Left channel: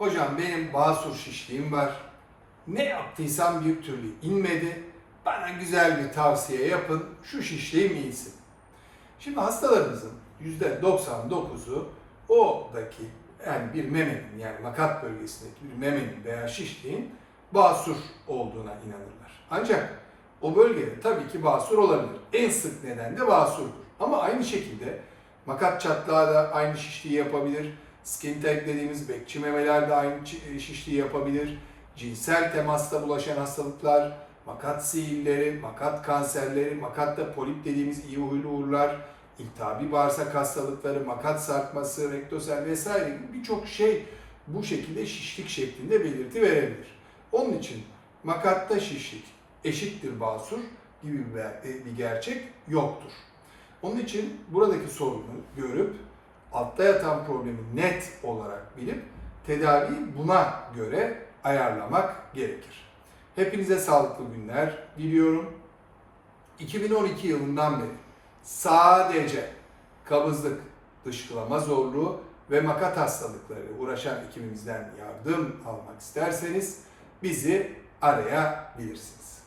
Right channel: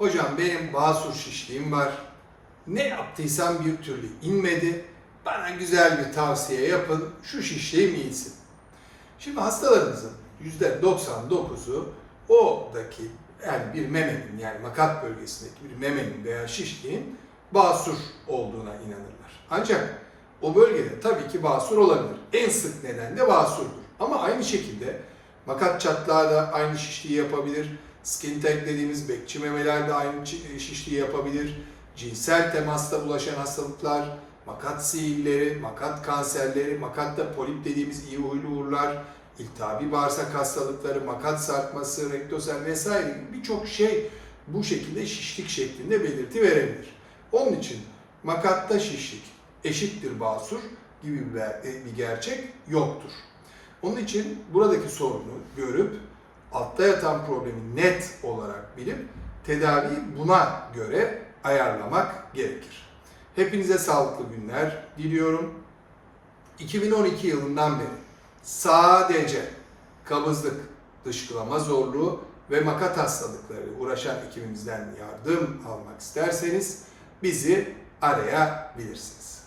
Hocam benim basur şişliğim var. Ne yaptıysam bir türlü inmedi. Bana güzel bir tavsiye yapın. Şu şişliğim iyisin. Şimdi hastalarımızın %99'u oradaki yani bir memenin yani makat bölgesindeki bir memenin veya şişliğin basur olduğuna inanırlar. Ancak o bölgede tabii ki basur olabilir. En sık neden de basurdur. Ama aynı şekilde makat çatlağı da aynı şişliği yapabilir. Skin tag dediğimiz bekçi memeler de aynı çi- şişliği yapabilir. Cinsel temasta bulaşan hastalıklar, makat sihirleri, makat kanserleri, makatta polip dediğimiz iyi huylu uğurlar, iltihabi bağırsak hastalıkları, makat sarkması, rektosel vesaire gibi birçok şey bu şekilde şişlik şeklinde belirti verebilir. Onun için makatta şişlik eşittir basur gibi bir, e, bir gerçek yoktur. Onun için buradaki sorunu görüp altta yatan problemi net olarak bilip tedaviyi buna göre ayarlamak gerekir. Hepinize sağlıklı günler diliyorum. 2012 yılından beri sadece kabızlık, dışkılama zorluğu ve makat hastalıkları uğraşan ekibimizden yardım almak isterseniz bizi arayabilirsiniz.